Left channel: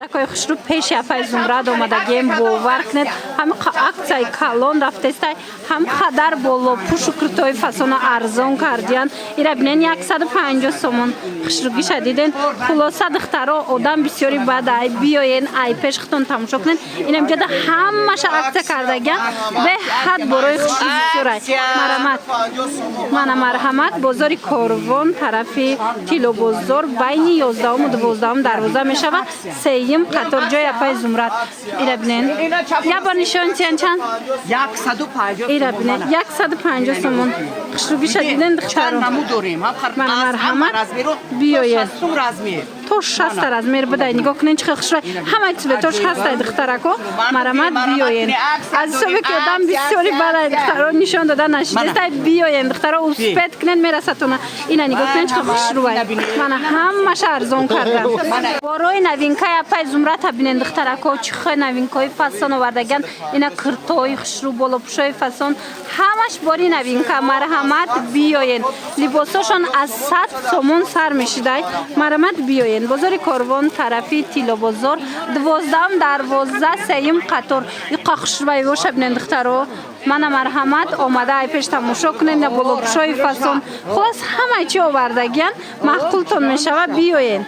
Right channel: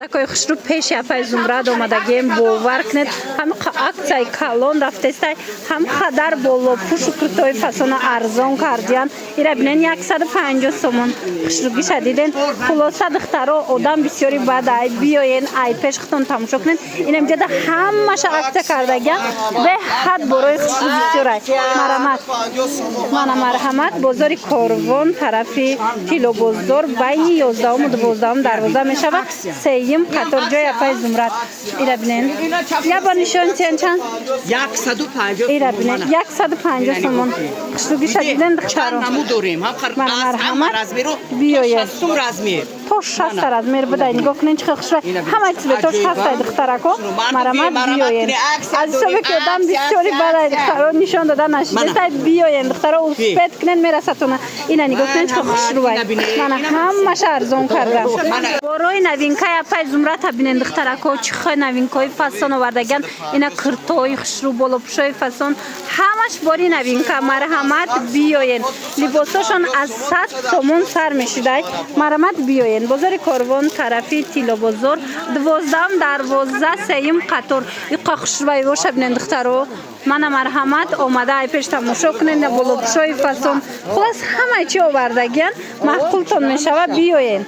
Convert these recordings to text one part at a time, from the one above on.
Такой хушру пеши апай зумрад омадагем бовар кунед ҳам аксияи калон рафтестай ҳам хадар боло пушу крутои фасона арзон кардиян ира бинен 150 сомон хушруги шадиден хулоса духтаро одам бисёри бадай биёен ай пешхтон тамошо кунед инам ҷода ҳамаша аксия кардагиян беҳад борои хушру бисёрай марамат мана марҳамат бозори корвон тарафи тилобозор байни 11 12 дарвоза мешава сеюм қатор ҷои апай зумрад ира бинен яба нишон тиян чанд 150 ира бинен 150 сомон хушруги шадиден духтаро мана марҳамат биёед то 60 размер будай нигоҳ кунен чӣ хел хушру ҳамаи цветош ҳастай духтарако марамат биёед азизове ки одам бисёри бадай духтаро нишон дода нашидестай биёед духтаро успед кунен мерасатона ина нигоҳ кунен чӣ хел хушрувай мана ҳамаша арзон кардан борои новинкаи апай зумрата бинен духтарако чӣ хел новинкаи фасон овардаган ина куртои хушру болопӯшои фасон ҳамаш бори новинка марҳамат биёед либосошон аз 100 сомон сар мешидай марҳамат биёед бозори корвон тарафи тилобозор 12 дарвоза сеюм қатор иқа хушрувай боша бинен духтаро мана марҳамат омада ай пеш тамошо кунед на болопӯшои фасон хулос ҳамаи чӣ овардагиян маҳқултон мешава биёед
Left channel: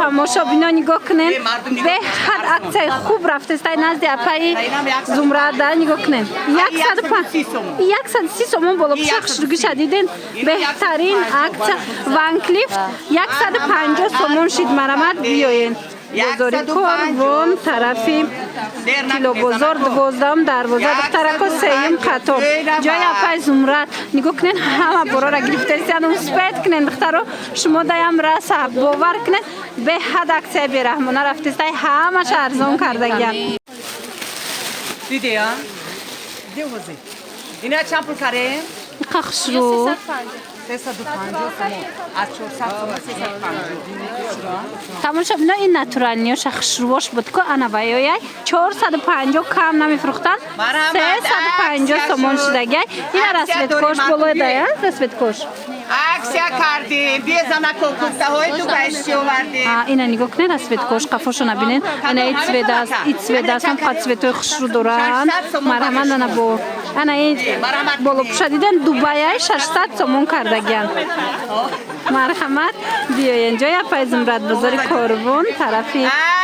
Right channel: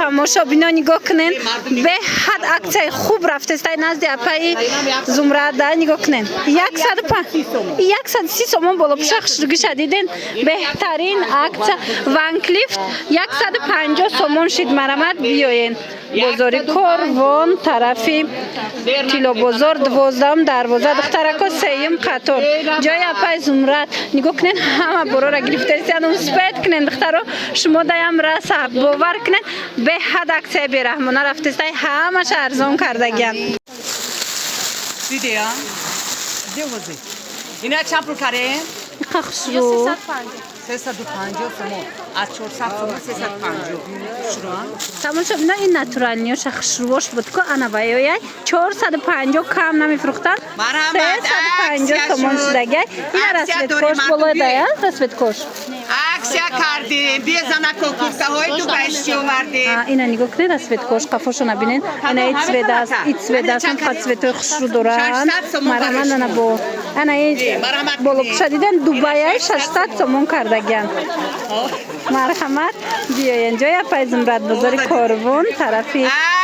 тамошо бино нигоҳ кунед беҳад аксияи хуб рафтестай назди апаи зумрада нигоҳ кунед 130 сомон болопӯша хушруги шадиден беҳтарин аксия ванклифт 150 сомон шид марамат биёед бозори корвон тарафи тилобозор 12 дарвоза духтарако сеюм қатор ҷои апай зумрад нигоҳ кунед ҳама борора гирифтесиян успед кунед духтаро шумо даям раса бовар кунед беҳад аксияи бераҳмона рафтестай ҳамаша арзон кардагиян дидея девозе ина чанд пул карем иқа хушру 350 сомон аз 400 сомон 350 хушру тамошо бино ин натуралниёша хушрувош будко анаваёяй 450 кам намефурӯхтанд 350 сомон шидагияй ина расветкош болоедая расветкош аксия кардем безана кокуртаҳои ту байшти овардем ина нигоҳ кунед расветкош қафошона бинед ана ин цветаст ин цветаст ҳам қад цветои хушру доранд марҳамат ана бо ана ин болопӯша диден дубаяи 600 сомон кардагиян марҳамат биёед ҷои апай зумрад бозори корвон тарафи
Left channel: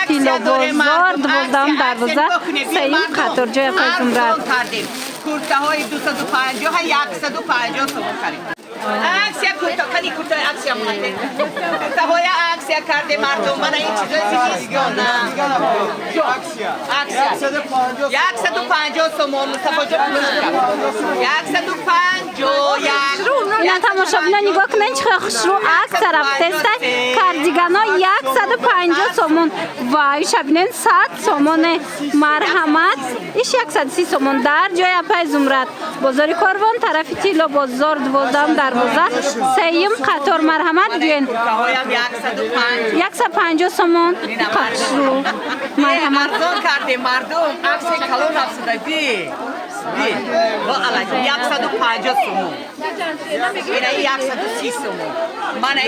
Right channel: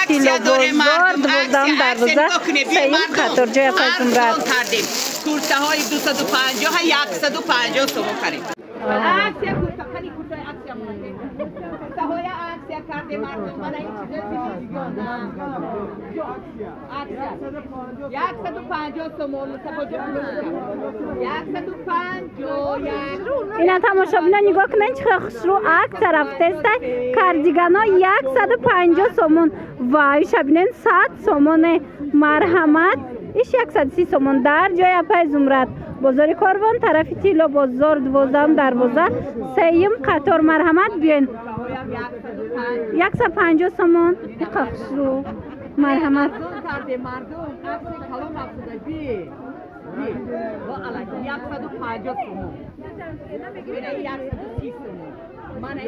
тилобозор 12 дарвоза сеюм қатор ҷои апай зумрад куртаҳои 250 150 сомон карем аксия куртакани куртаи аксия мунде куртаҳои аксия карде мардум мана ин чизои зимистона аксия 150 сомон мустафоҷон 150 ина тамошобино нигоҳ кунед чӣ хел хушру аксия рафтестай кардигано 150 сомон вай шабинен 100 сомоне марҳамат иш 130 сомон дар ҷои апай зумрад бозори корвон тарафи тилобозор 12 дарвоза сеюм қатор марҳамат биёед 150 сомон иқа хушру марҳамат карде мардум аксияи калон рафтеда би 150 сомон ина 130 сомон мана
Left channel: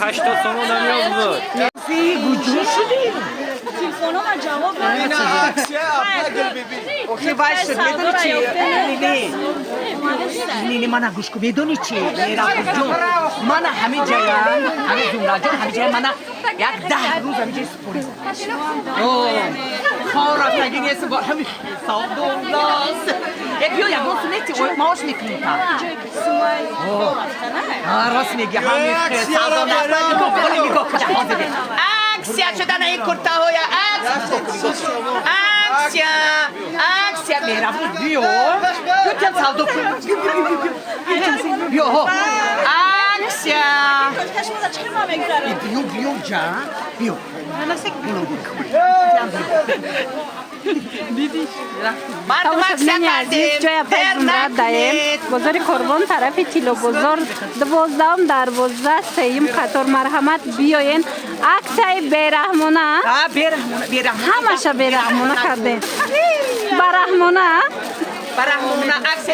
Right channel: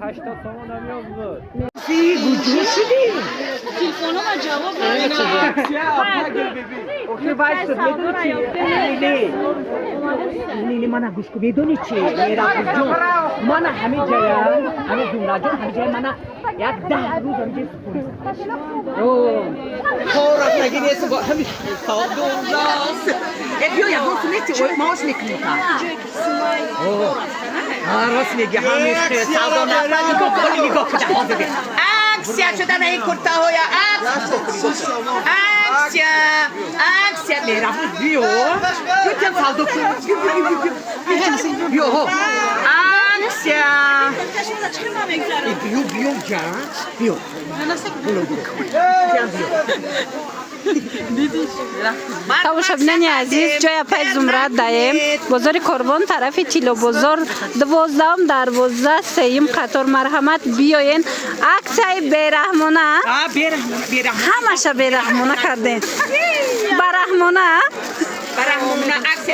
80 сомон намёбуд гуҷу шуди телефонома ҷавоб надод. Охир байшд медони чи? Нини мана гӯш кун медони чи? Меразҷон мана ҳаме ҷаям ҳаме зумраҷон ҳаме ҷаям мана як 10 рӯз ҳаме ҷай супурам. Корафаги неса бо ҳаме савдондас. Биё ягон сунети маош мекунем та. Раст меги ҳаме савдондас. Нигоҳ кун ҳозир. Аксия шудана ин куртаҳоя аксия мераву биё гӯтям савдо кун биё аксия биё ҷа биё тамошобинони азиз ҷои апай зумрад даем бозори корвон тарафи тилобозор 12 дарвоза сеюм қатор марҳамат биёед аксияи бераҳмона ҳамаша бераҳмона кардем бараҳмона برهمونا عکس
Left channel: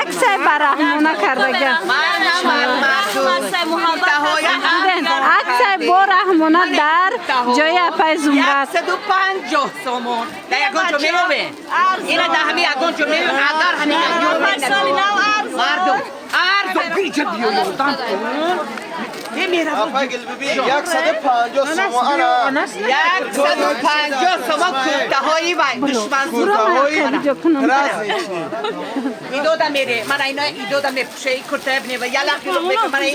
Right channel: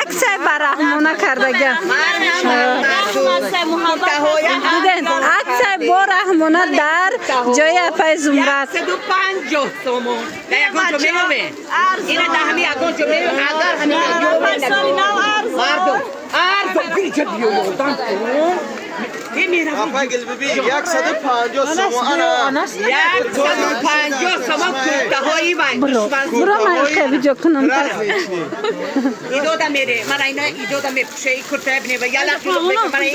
عکس برهمونا کردگی دیدن عکس برهمونا در جای اپای زمرت 150 سومون در یکان جو میوه اینه در همی یکان جو میوه اگر همی مردم ارزو بیجا بیوردن Apa gel bebi 150 somo ana 150 سومون کوتاهایی و دشمن برو ویدیو کنم ایدو دا میره من اینا ایدو دا میپوشه ای کرده بینه و یلا پیلو میکنه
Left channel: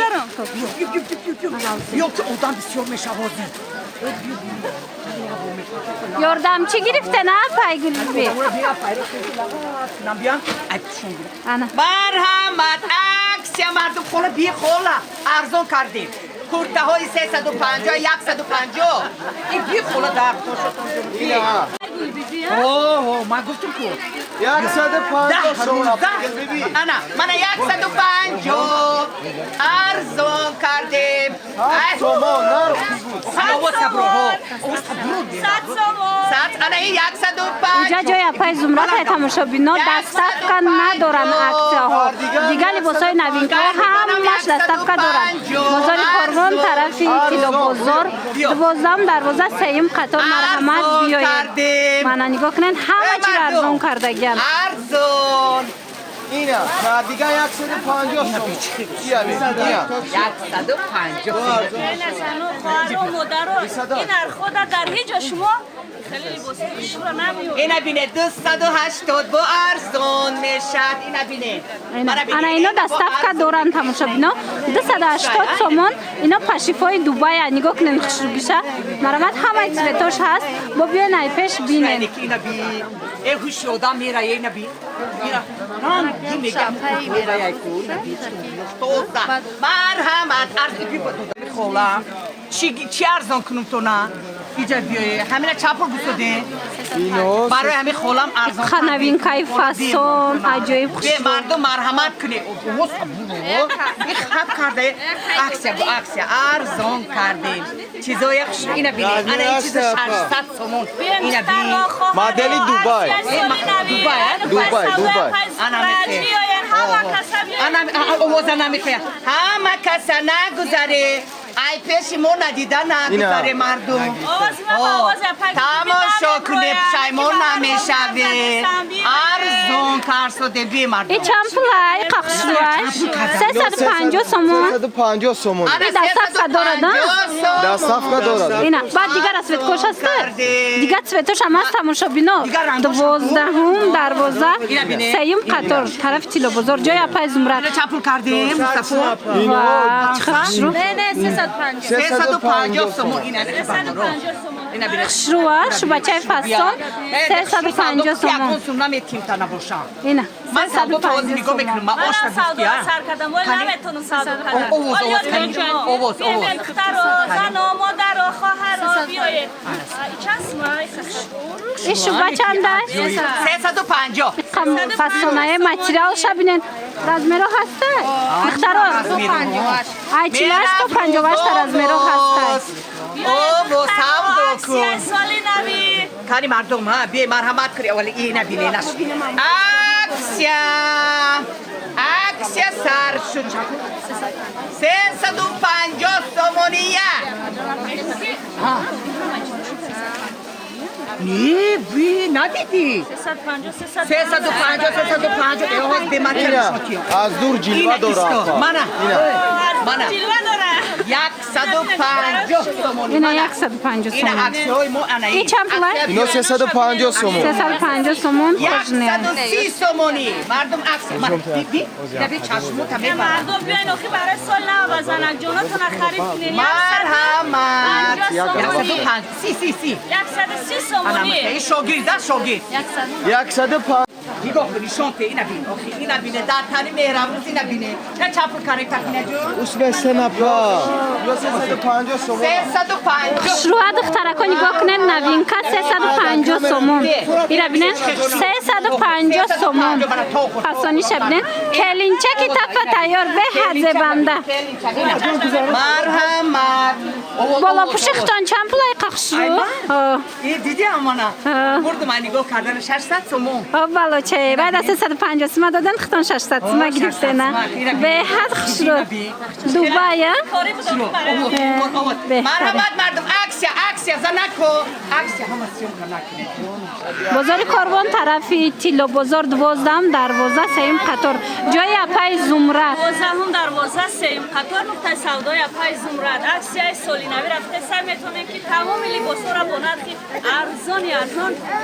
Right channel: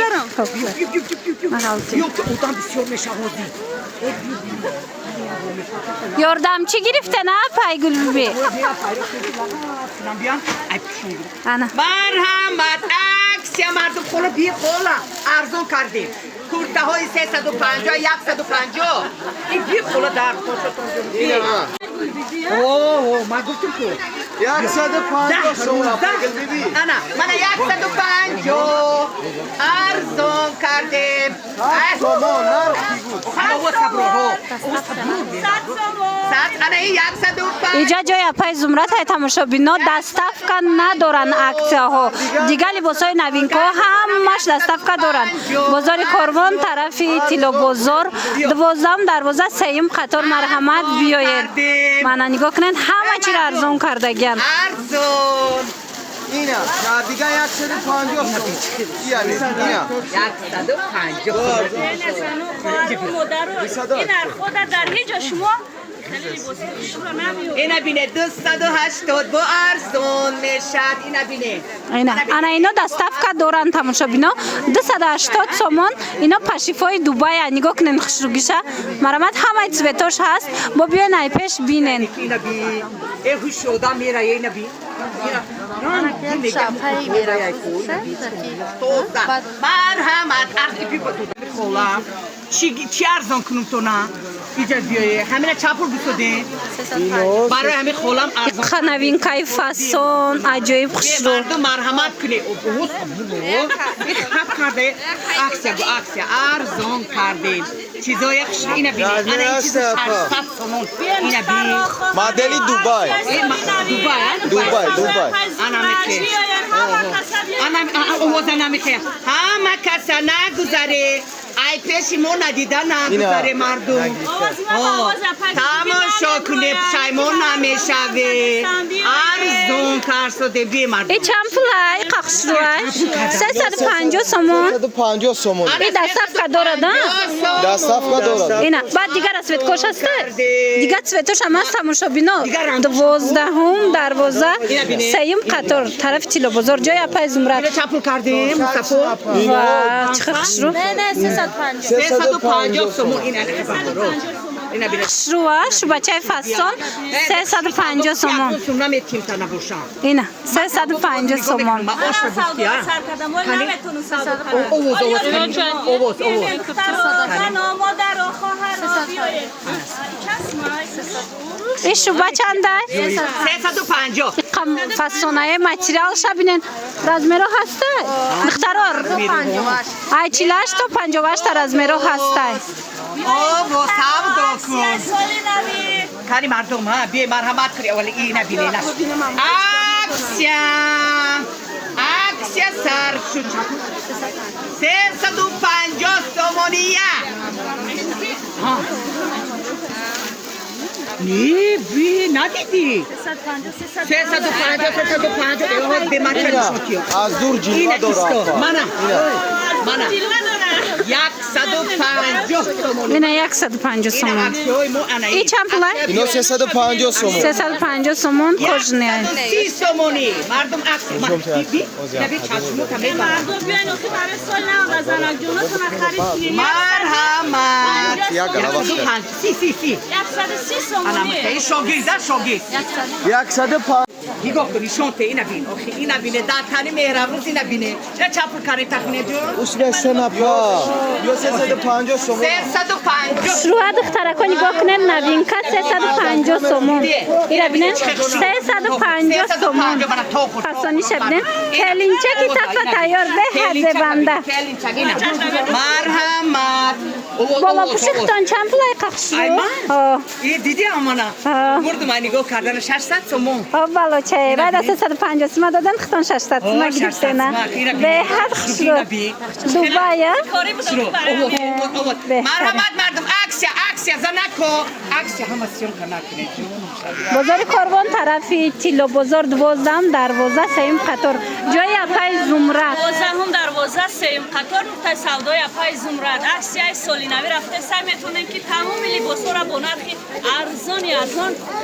من yok odan bisiyor meşahodi یاردمچی گرفته نه پای گلبی انا مرحمت عکس یا مردم خولا بی خولا ارزون کردیم کرده های 350 150 این بی خولا در اوه من گفتم که 150 somo apa gel bebi انا من 150 ارزون کردیم somo nar figu او صبرو او صبرو ساعت انا این 150 اینجا جای اپای زمرت های تماشا بینا دستفکا ندارن عکس ها دیگه لباسای نوین که همش دستفکا دارن بازار کاروان طرفی تیلو بازار 12 دروازه سیم قطار مرحمت بیاید من نگاه کنن همه چی رو ارزون کرده گل ارزون ina kadiga 150 somo yani ina 150 این خود در هیچ شما خیلی لباسی رو نمیو اینا بینه 280 با ارزون میشد اینا بینه انا اینا دستفکا دارن تماشا بینا 280 سومون اینا پشیفای دوبای نگاه کنن خوشروگیشه مرامت همه چوتوش هست با بیان ای پیش بینن اینا بی ای خوش آدم میره اینا بی مرحمت ارزی بی بود خولم چی ارزان کنم تو نه بیجا بیایه همینه چپر بسوده برای همین خولم ارزان خانوین کای فاسون عجایب خوشرو مردم مرحمت کنه این خب کرده عکس ارزان کردیم چیزای خوش اینا بی انا این چیز 600 سومون اینا بی modeli dubai dubai انا میگم انا اوزا نمیخوام همه کسا نگذاره ای پیشمون ندیدن نگذاره مردم تماشا کنه پشیمون نمیشوه ارزون کرسوده بی مردم ای چند پولای قخشروش 350 سومون 150 somo ای دستفکا دارد dastafka dora اینا بعد دیگر از سویتکوش هسته دیگر سویتوش هم هست تماشا بینا 12 دروازه سیم قطار طرف تیلو بازار جای اپای زمرت چپل کردیم و چه خشرو نه 350 سومون اینا بینه خشروش بچه فستان 350 سومون سومون میتیم تا نباشم اینا من 350 سومون ما آشنا بودیم اووز ایش با چنده؟ 350 قم فستانای ماتریال شبینن رزمیرو هسته؟ مختارو ای 48 تا 58 تا رزمیرو هسته اوه ساو دو کن کاری مردم ها بی مرحمت کری اولی این نبینه نش اکسیا سر شد 350 سومونیه بی ندیدی 350 اوه بی ماتریال شدیم az dur اینا jilva ایستو dora منه 150 سومونی اینا 150 سومون اکسیای مو انا ای چند پولای؟ 350 somo 350 سومون کجنه 130 سومونی مردم عکس دیدی نبی چشمو کمی برام مرحمت Ya gala 105 سی انا میگم شوگیر 150 نگاه کنی شانته اینا بین اینا بینه دادخانی مهربون اینا بینه نه چپل کاری تکنه جو usme senapa yo 350 somo 350 شروع دخترکا نگاه کنن نوین که 350 سومون اینا بینن 350 سومون پسانی شبنه کلینچه که تکا تیار به هزه بنده مرحمت بالا پوشختان چند پولای خشرو دیدی امانا برد من نگاه کردن 600 سومون بلوچه بعد از 350 سوم دادن ختان 600 سوم گرفتن به هر خشرو دوبای مرحمت مردم اکسیا زنکو اکسیا همه سیون کنه بازار کاروان طرفی تیلو بازار 12 12 سیم قطار جای اپای زمرد 12 هم دروازه سیم قطار نقطه سودای اپای زمرد اکسیای سولینوی رفته سعی میتونیم که تمام لباسا را با نرخ ارزان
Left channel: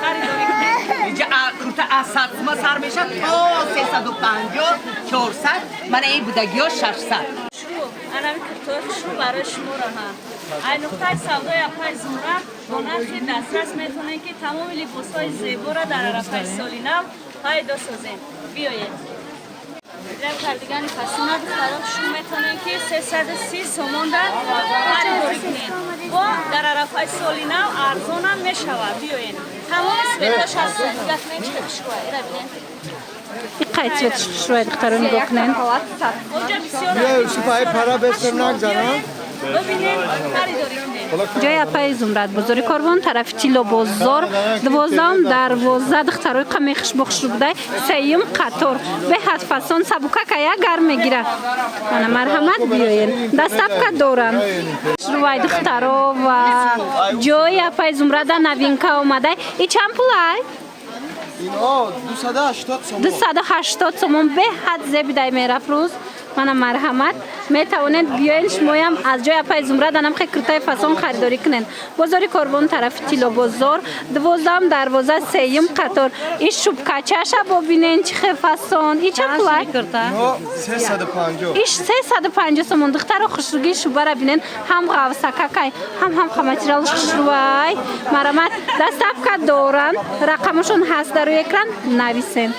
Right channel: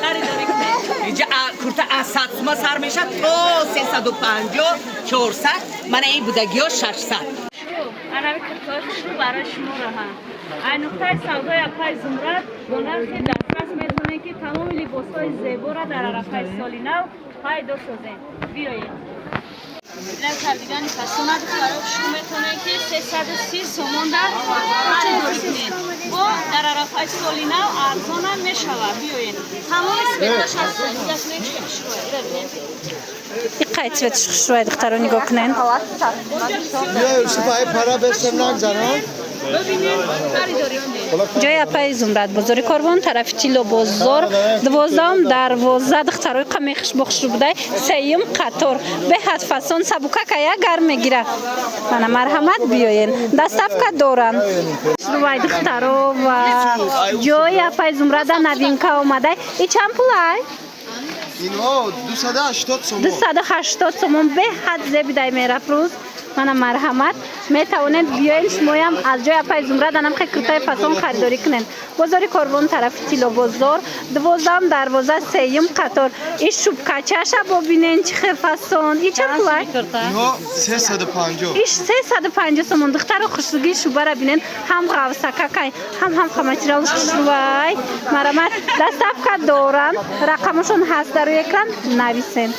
خریداری کنیم. اینجا کرتا از 100 سوم سر میشه تا 350 400 من این بودگی ها 600 انمی کرتای شو برای شما راهن این نقطه سودای اپای زمرد با نرخ دسترس میتونیم که تمام لباسای زیبا را در عرفه سالی نو پیدا سازیم. بیایید این کردگان فسونه بخارات شو میتونه که 330 سومون در خریداری کنید و در عرفه سالی نو ارزان هم میشود. بیایید تمام اسمتش از زخمه چه بشوید ببینید این قید سویتش خشروی دختر رو نگاه کنین بیا شو پای پرا بشتم نگذارن جای اپای زمرد بازار کاروان طرف تیلو بازار 12 دخترای قمی خش بوده سیم قطار به حد فسان سبوکا که یک گرم میگیره من مرحمت بیاین دستف که دارن روی دخترا و جای اپای زمرد نوینکا آمده ای چند پولای؟ اینا 280 سوم 280 سوم به حد زبیده میرفت روز من مرحمت میتوانید بیاین شما هم از جای اپای زمرد انم خیلی کرتای فسان خریداری کنین بازار کاروان طرف تیلو بازار 12 سیم قطار این شوب کچه‌ش ببینین چه خیلی فسان این چه پولای؟ اینا 350 ایش 350 سوم دختر خوشروگی شوبه را بینین هم غوسکه هم خمچرال خوشروی مرحمت دستف که دارن رقمشون هست در روی اکران نویسین